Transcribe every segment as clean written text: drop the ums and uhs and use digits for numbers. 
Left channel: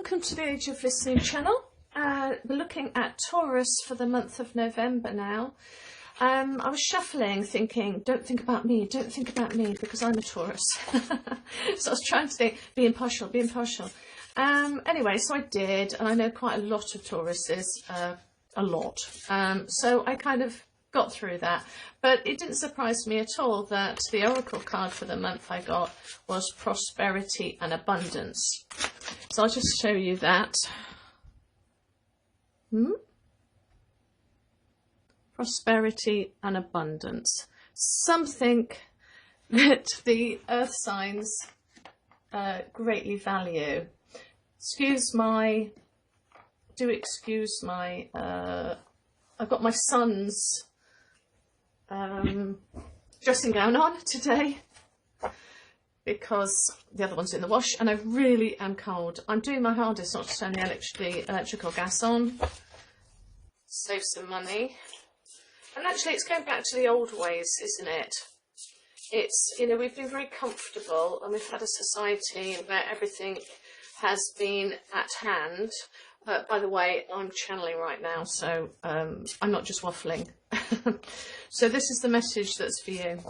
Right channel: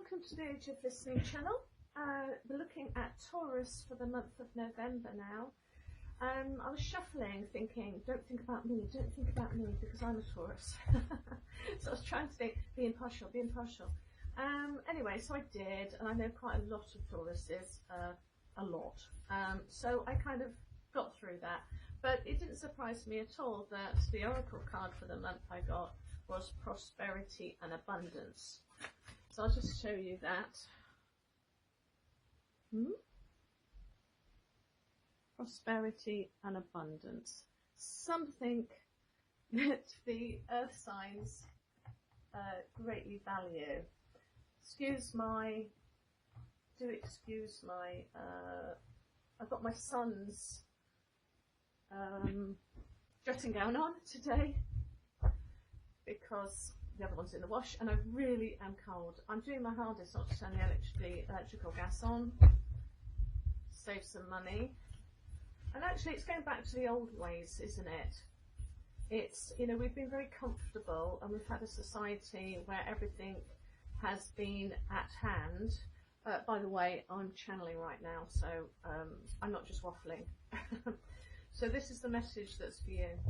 welcome to the Age of Listening channel. We're looking at Taurus for the month of November now. I was shuffling thinking, don't think about me, because I'm a Taurus. So I was trying to think, be impartial. Anyway, so I did, and I know quite a lot of Tauruses, a lot. So I kind of got through that, but it didn't surprise me at all that the oracle card for the month I got was prosperity and abundance. So I'll just show you that. Prosperity and abundance, something that the earth signs greatly value. Excuse my I've got my son's dressing gown on today because the other one's in the wash, and I really am cold. I'm doing my hardest not to turn the electrical gas on, save some money. And actually it's going back to the old ways, isn't it? It's, you know, we've been very comfortable and we've had a society where everything has been at hand. By the way, I'm channeling right now, so I'm not just waffling. So this is the message that's for you.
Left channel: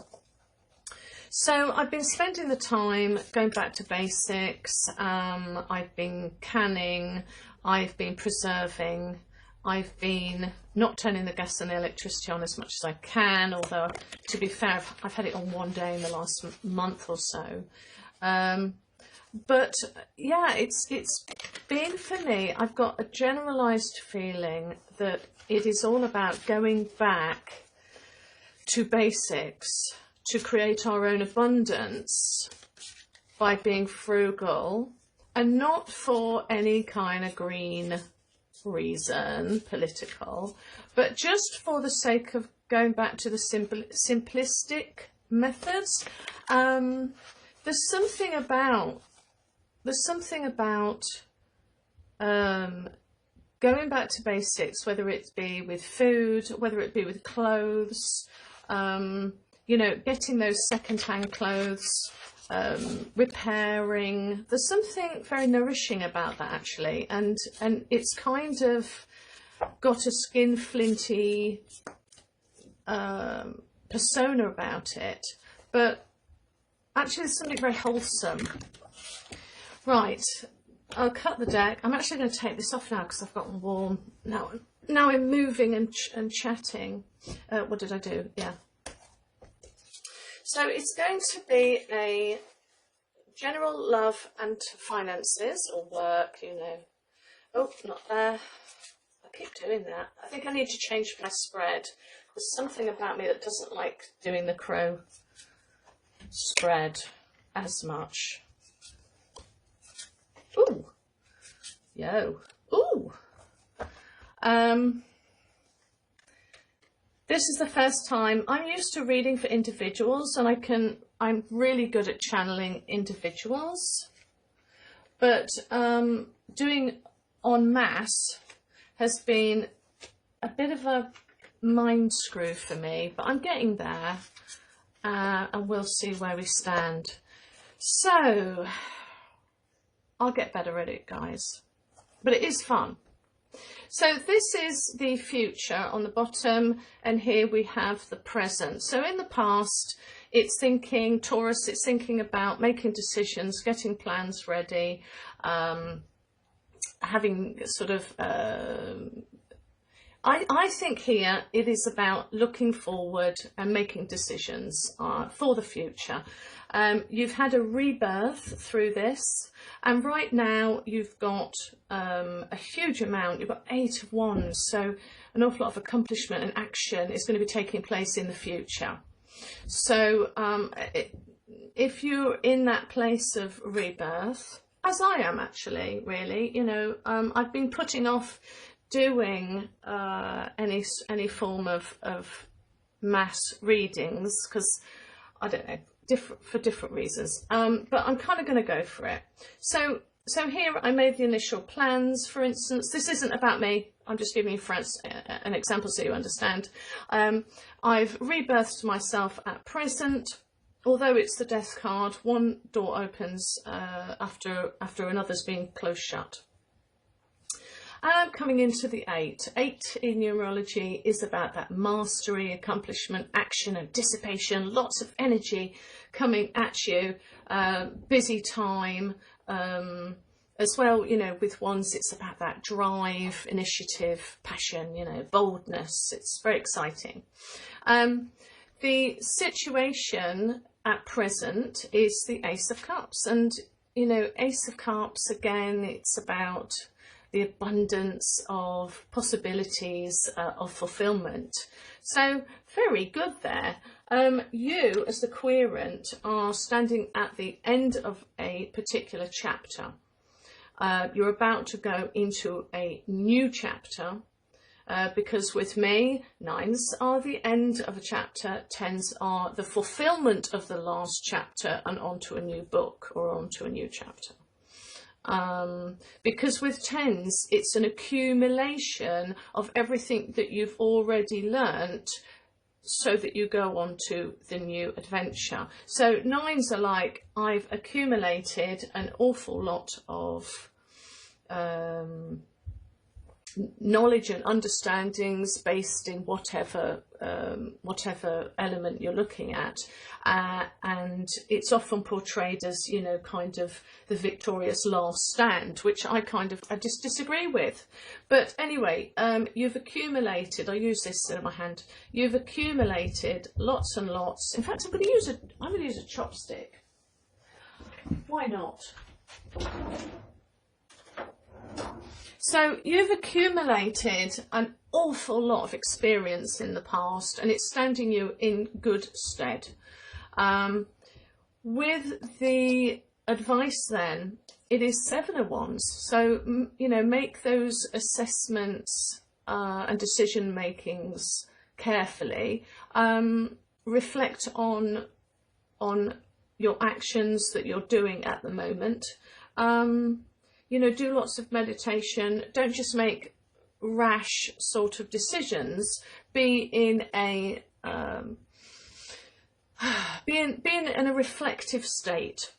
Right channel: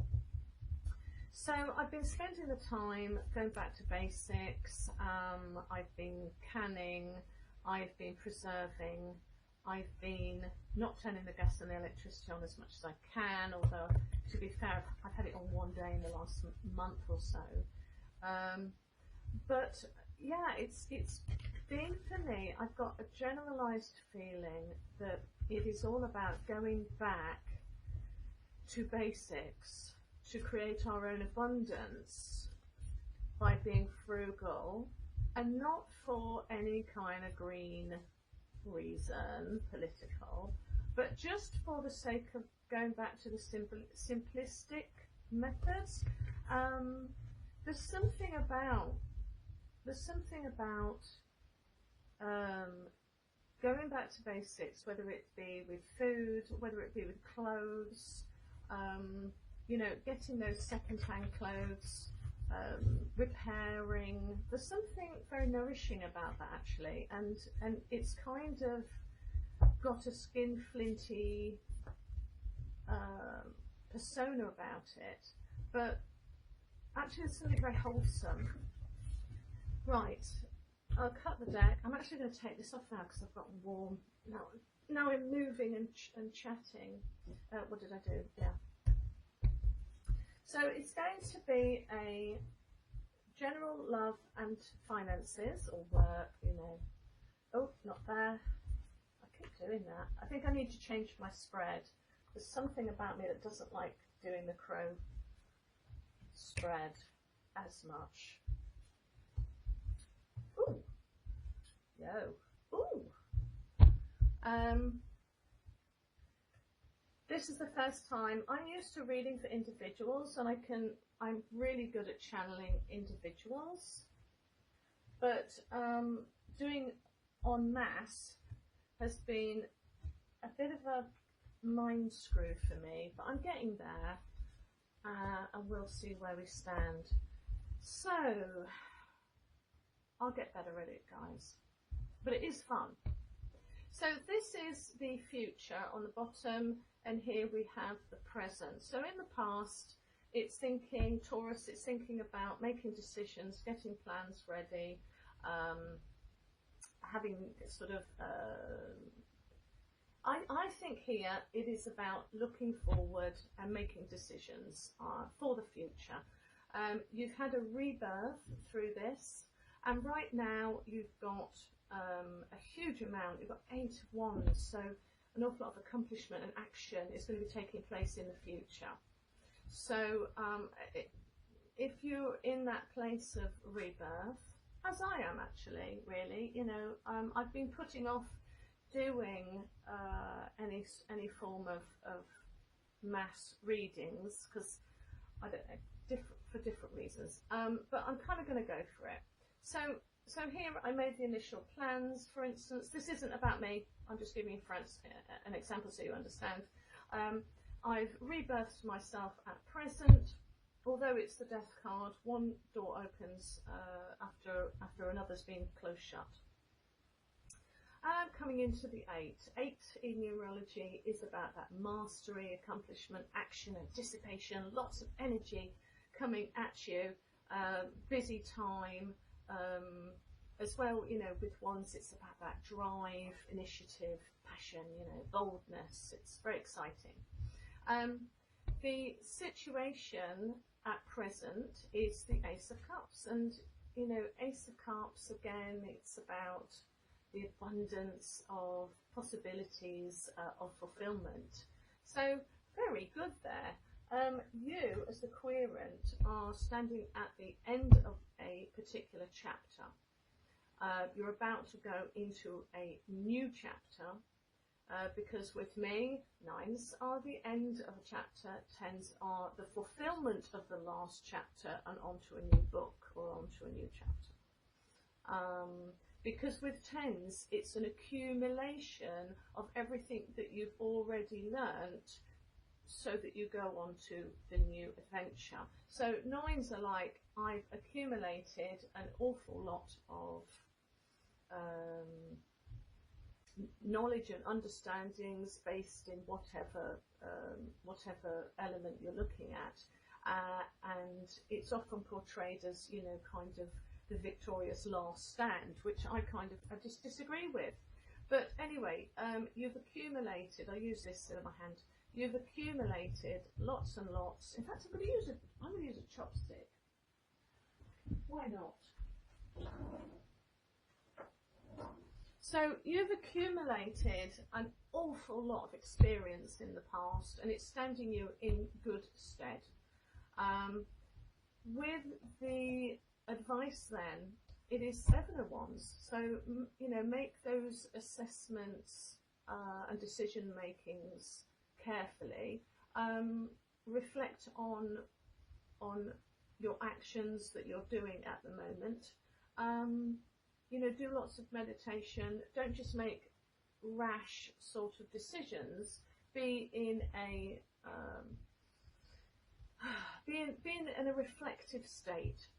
So I've been spending the time going back to basics. I've been canning, I've been preserving, I've been not turning the gas and the electricity on as much as I can, although to be fair, I've had it on one day in the last month or so. But yeah, it's been, for me, I've got a generalized feeling that it is all about going back to basics to create our own abundance by being frugal, and not for any kind of green reason, political, but just for the sake of going back to the simplistic methods. There's something about going back to basics, whether it be with food, whether it be with clothes, you know, getting those second-hand clothes, repairing. There's something very nourishing about that, actually, and it's kind of got a skin flinty persona about it, but actually there's something very wholesome. Right, I'll cut the deck. I'm actually going to take this off now because I've gotten warm. Now I'm moving and chatting. What did I do? Yeah. So it's going to be a general love and finances, or work, you know. Oh, not there. I keep doing that. I think I need to change my spread. There's something about me that doesn't like doing the crow spread as much. Ooh. Yo. Ooh. This is the first time. I'm used to reading for individuals, and I'm really good at channeling individuals, but doing en masse has been a bit of a mind screw for me, but I'm getting there, and we'll see where we stand. So I'll get better at it, guys, but it is fun. So this is the future on the bottom, and here we have the present. So in the past, it's thinking, Taurus, it's thinking about making decisions, getting plans ready, having sort of, I think here it is about looking forward and making decisions for the future. You've had a rebirth through this, and right now you've got a huge amount. You've got 8 of Wands, so an awful lot of accomplishment and action is going to be taking place in the future. So if you're in that place of rebirth, as I am actually, really, you know, I've been putting off doing any form of mass readings because, I don't know, for different reasons, but I'm kind of going to go for it. So here I made the initial plans. For instance, this isn't about me, I'm just giving you an example so you understand. I've rebirthed myself at present. Although it's the death card, one door opens after another's being closed shut. Coming into the 8. 8 in numerology is about that mastery, accomplishment, action and dissipation, lots of energy coming at you, busy time, as well, you know, with wands it's about that drive, initiative, passion, you know, boldness. It's very exciting. The situation at present is the Ace of Cups, and you know, Ace of Cups, again, it's about the abundance of possibilities of fulfillment. So very good there. You as the querent are standing at the end of a particular chapter. You're about to go into a new chapter, because with me, 9s are the end of a chapter, 10s are the fulfillment of the last chapter and onto a new book or onto a new chapter. Because with 10s, it's an accumulation of everything that you've already learnt so that you go on to the new adventure. So 9s are like, I've accumulated an awful lot of knowledge and understandings based in whatever element you're looking at, and it's often portrayed as, you know, kind of the victorious last stand, which I just disagree with. But anyway, you've accumulated, I use this in my hand, you've accumulated lots and lots. In fact, I'm going to use a chopstick. Why not? So you've accumulated an awful lot of experience in the past, and it's standing you in good stead. With the advice then, it is 7 of Wands. So, you know, make those assessments and decision makings carefully. Reflect on your actions that you're doing at the moment. You know, do lots of meditation. Don't just make rash sort of decisions. Be in a reflective state.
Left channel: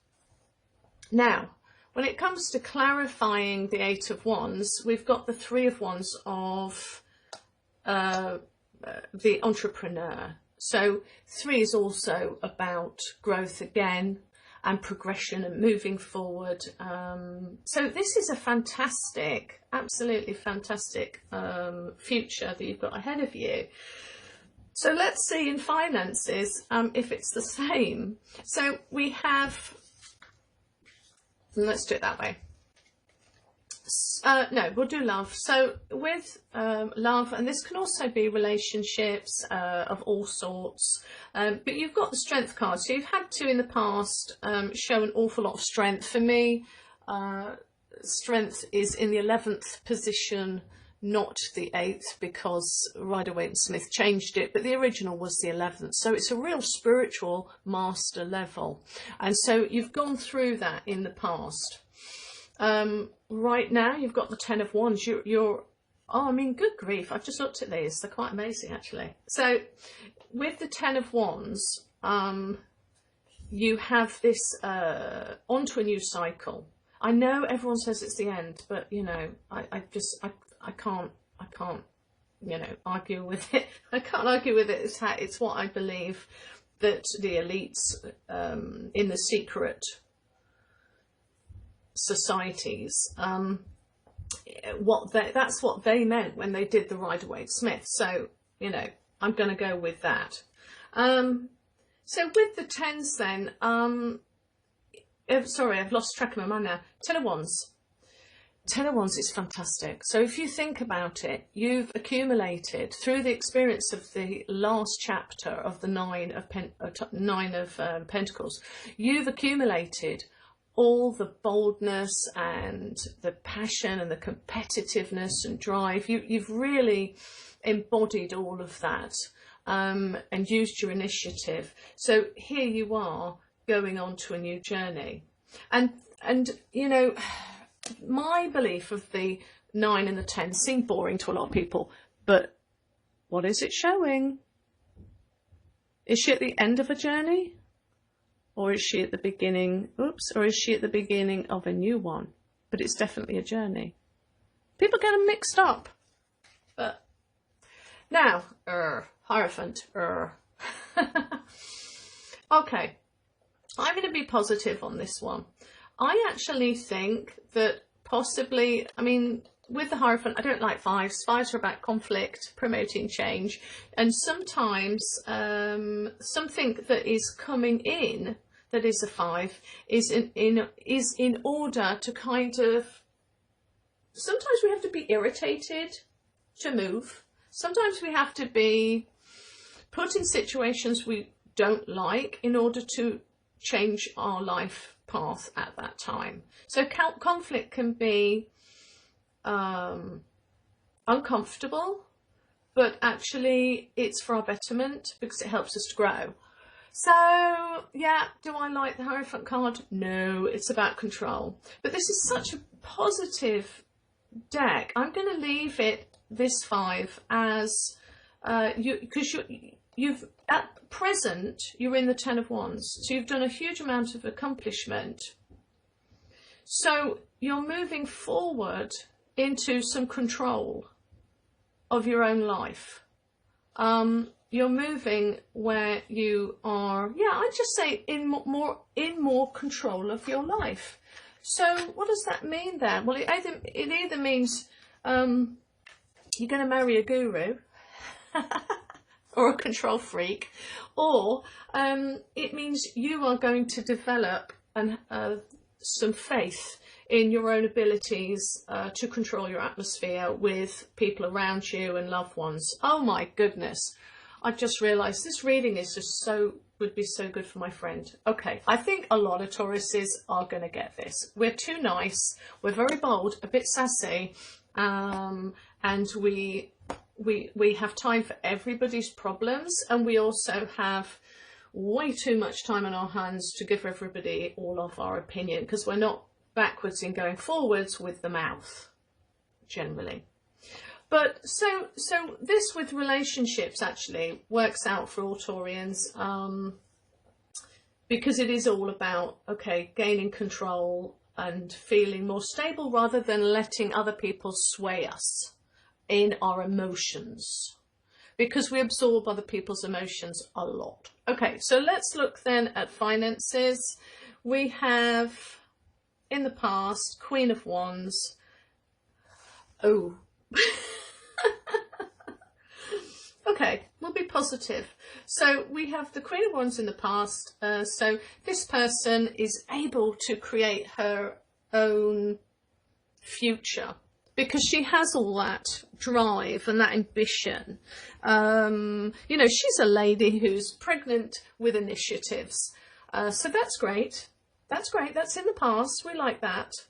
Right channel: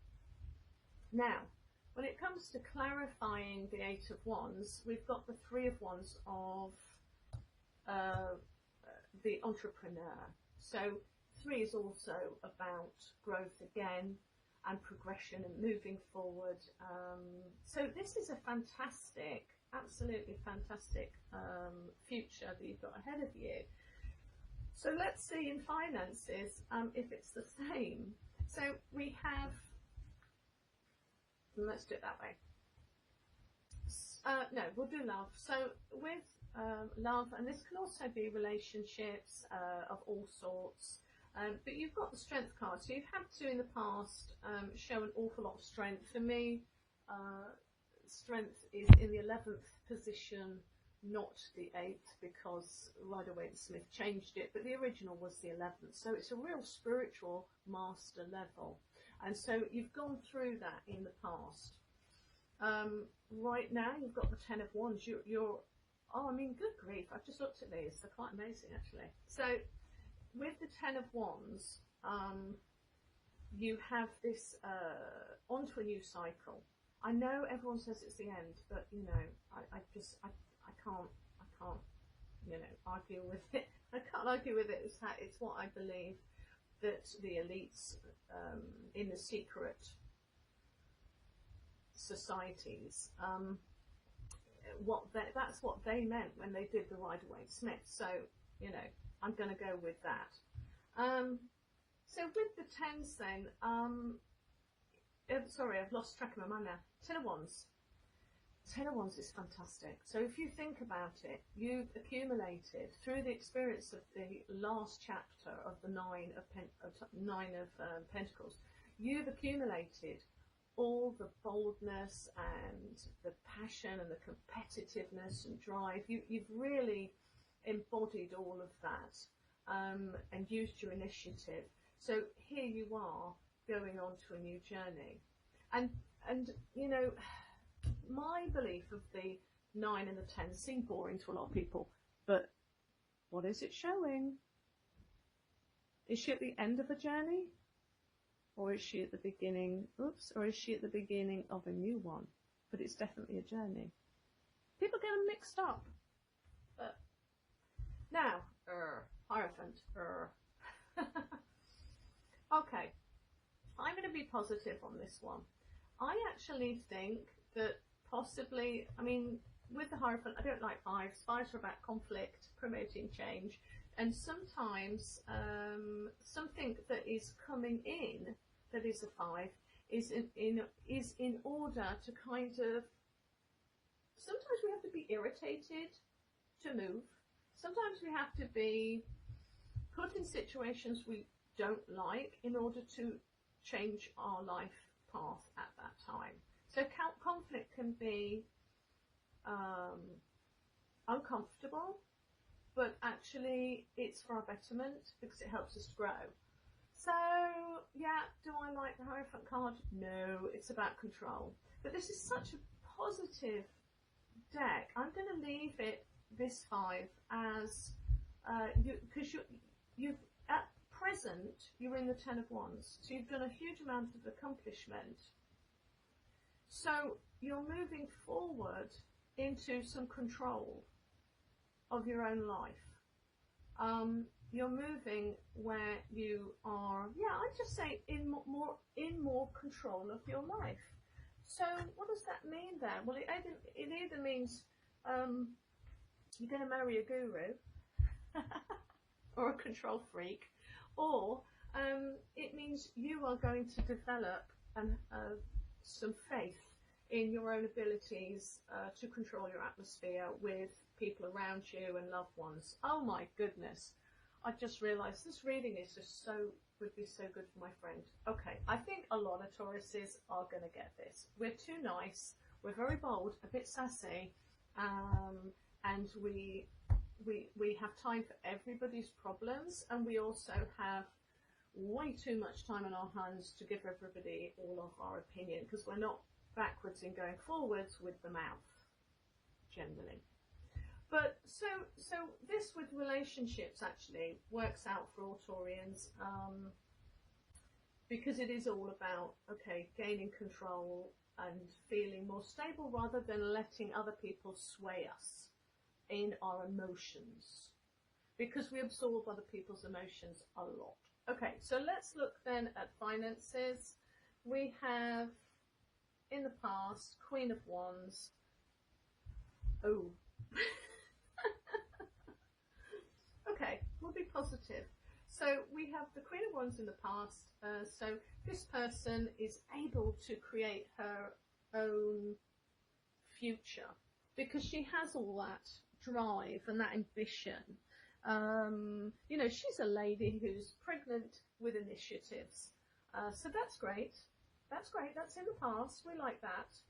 Now, when it comes to clarifying the 8 of Wands, we've got the 3 of Wands of the entrepreneur. So 3 is also about growth again, and progression and moving forward. So this is a fantastic, absolutely fantastic future that you've got ahead of you. So let's see in finances if it's the same. So we have, let's do it that way. No, we'll do love. So with love, and this can also be relationships of all sorts, but you've got the strength card. So you've had to in the past show an awful lot of strength. For me, strength is in the 11th position, not the 8th, because Rider-Waite-Smith changed it, but the original was the 11th. So it's a real spiritual master level, and so you've gone through that in the past. Right now you've got the 10 of Wands. You're oh, I mean, good grief, I've just looked at these, they're quite amazing actually. So with the 10 of Wands, you have this onto a new cycle. I know everyone says it's the end, but you know, I can't you know, argue with it. I can't argue with it. It's what I believe that the elites in the secret societies, that's what they meant when they did the Rider-Waite-Smith. So you know, I'm going to go with that. So with the 10s then, sorry, I've lost track of my mind now. 10 of Wands. 10 of Wands is fantastic. So if you think about it, you've accumulated through the experience of the last chapter of the Nine of Pentacles, you've accumulated all the boldness and the passion and the competitiveness and drive. You've really embodied all of that and used your initiative. So here you are going on to a new journey. And you know, my belief of the 9 and the 10 seem boring to a lot of people, but what is it showing? Is she at the end of a journey? Or is she at the beginning, or is she at the beginning of a new one? But it's definitely a journey. People get them mixed up. But now, Hierophant. Okay, I'm going to be positive on this one. I actually think that possibly, I mean, with the Hierophant, I don't like fives. Fives are about conflict, promoting change, and sometimes something that is coming in that is a 5 is in order to kind of. Sometimes we have to be irritated to move. Sometimes we have to be put in situations we don't like in order to change our life path at that time. So conflict can be uncomfortable, but actually it's for our betterment because it helps us to grow. So yeah, do I like the Hierophant card? No, it's about control. But this is such a positive deck. I'm going to leave it this 5 as because you've at present you're in the 10 of Wands, so you've done a huge amount of accomplishment. So you're moving forward into some control of your own life. You're moving where you are, yeah, I'd just say in more control of your life. So what does that mean then? Well, it either means you're going to marry a guru or a control freak, or it means you are going to develop some faith in your own abilities to control your atmosphere with people around you and loved ones. Oh my goodness, I've just realised this reading is just would be so good for my friend. Okay, I think a lot of Tauruses are going to get this. We're too nice, we're very bold, a bit sassy, and we have time for everybody's problems, and we also have way too much time on our hands to give everybody all of our opinion, because we're not backwards in going forwards with the mouth generally. But so this with relationships actually works out for all Taurians, because it is all about, okay, gaining control and feeling more stable rather than letting other people sway us in our emotions, because we absorb other people's emotions a lot. Okay, so let's look then at finances. We have in the past Queen of Wands. Oh. Okay, we'll be positive. So we have the Queen of Wands in the past. So this person is able to create her own future because she has all that drive and that ambition. You know, she's a lady who's pregnant with initiatives. So that's great. That's great. That's in the past. We like that.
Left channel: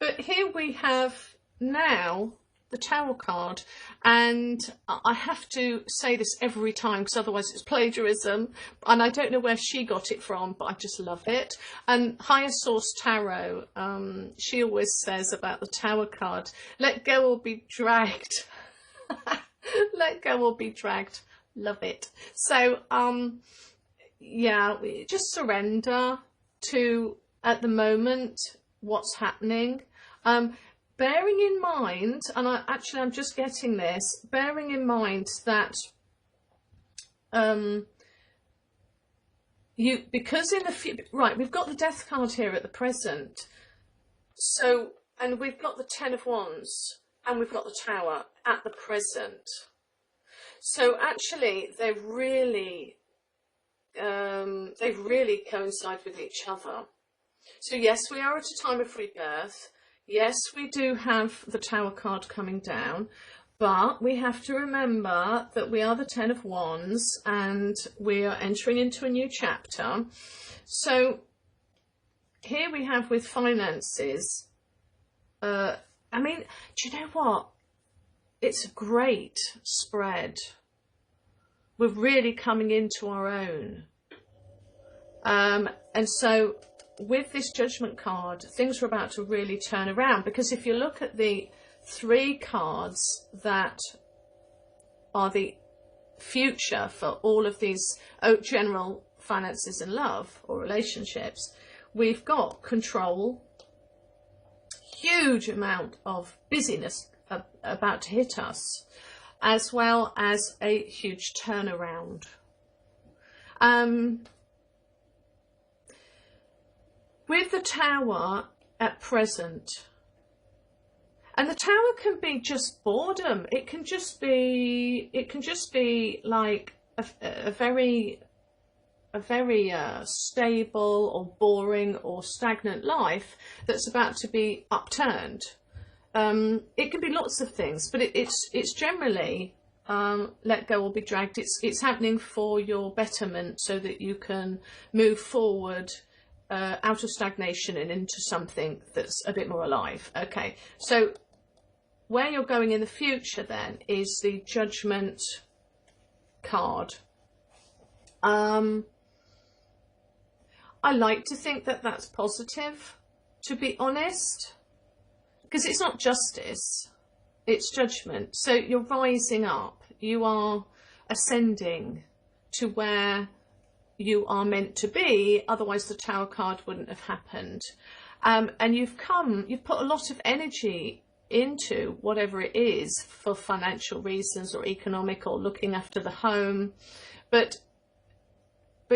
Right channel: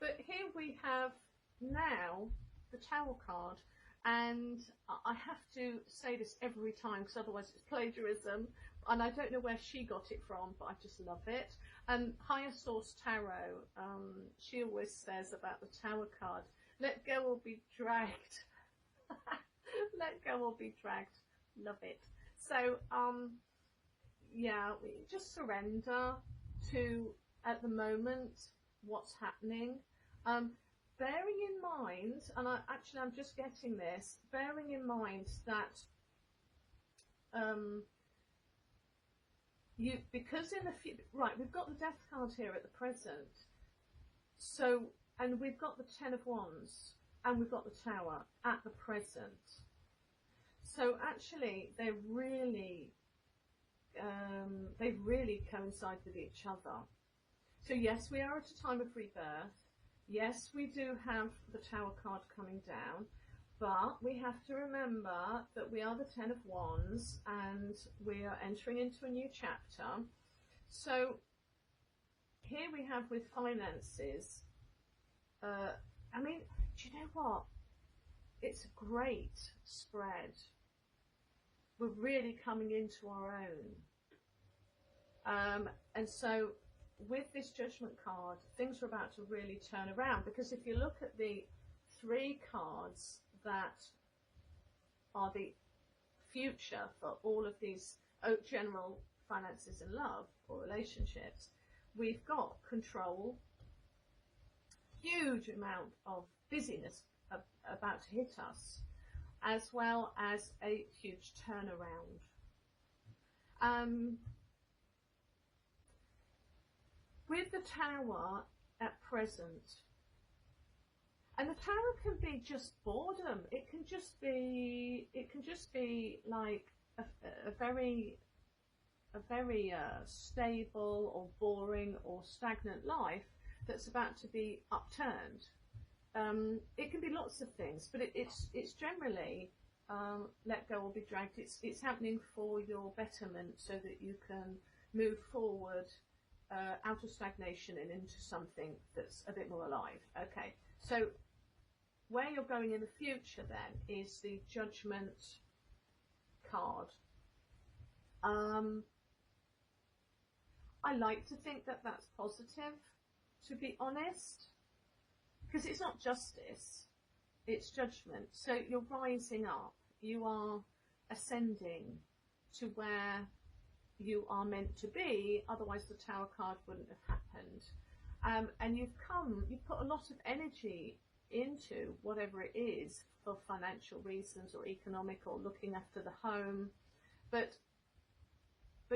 But here we have now the Tower card, and I have to say this every time because otherwise it's plagiarism, and I don't know where she got it from, but I just love it. And Higher Source Tarot, she always says about the Tower card, let go or be dragged. Let go or be dragged. Love it. So yeah, just surrender to at the moment what's happening. Bearing in mind, and I'm just getting this, bearing in mind that because in the future, right, we've got the Death card here at the present, so, and we've got the 10 of Wands, and we've got the Tower at the present. So actually, they really coincide with each other. So yes, we are at a time of rebirth. Yes, we do have the Tower card coming down, but we have to remember that we are the 10 of Wands and we are entering into a new chapter. So here we have with finances, I mean, do you know what? It's a great spread. We're really coming into our own. And so with this Judgment card, things are about to really turn around, because if you look at the 3 cards that are the future for all of these general finances and love or relationships, we've got control, huge amount of busyness about to hit us, as well as a huge turnaround. With the Tower at present, and the Tower can be just boredom. It can just be like a very stable or boring or stagnant life that's about to be upturned. It can be lots of things, but it's generally let go or be dragged. It's happening for your betterment, so that you can move forward out of stagnation and into something that's a bit more alive. Okay, so where you're going in the future then is the Judgment card. I like to think that that's positive, to be honest, because it's not justice, it's judgment. So you're rising up, you are ascending to where you are meant to be, otherwise the Tower card wouldn't have happened. And you've put a lot of energy into whatever it is, for financial reasons or economic or looking after the home, but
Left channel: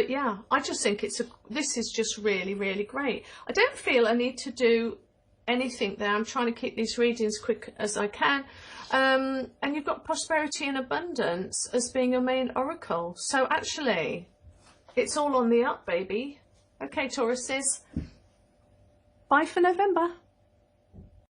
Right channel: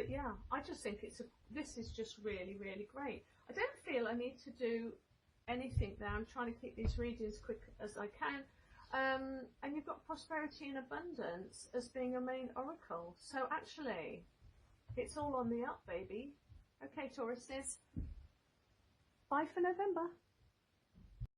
yeah, I just think this is just really, really great. I don't feel I need to do anything there. I'm trying to keep these readings quick as I can. And you've got prosperity and abundance as being your main oracle. So actually, it's all on the up, baby. Okay, Tauruses. Bye for November.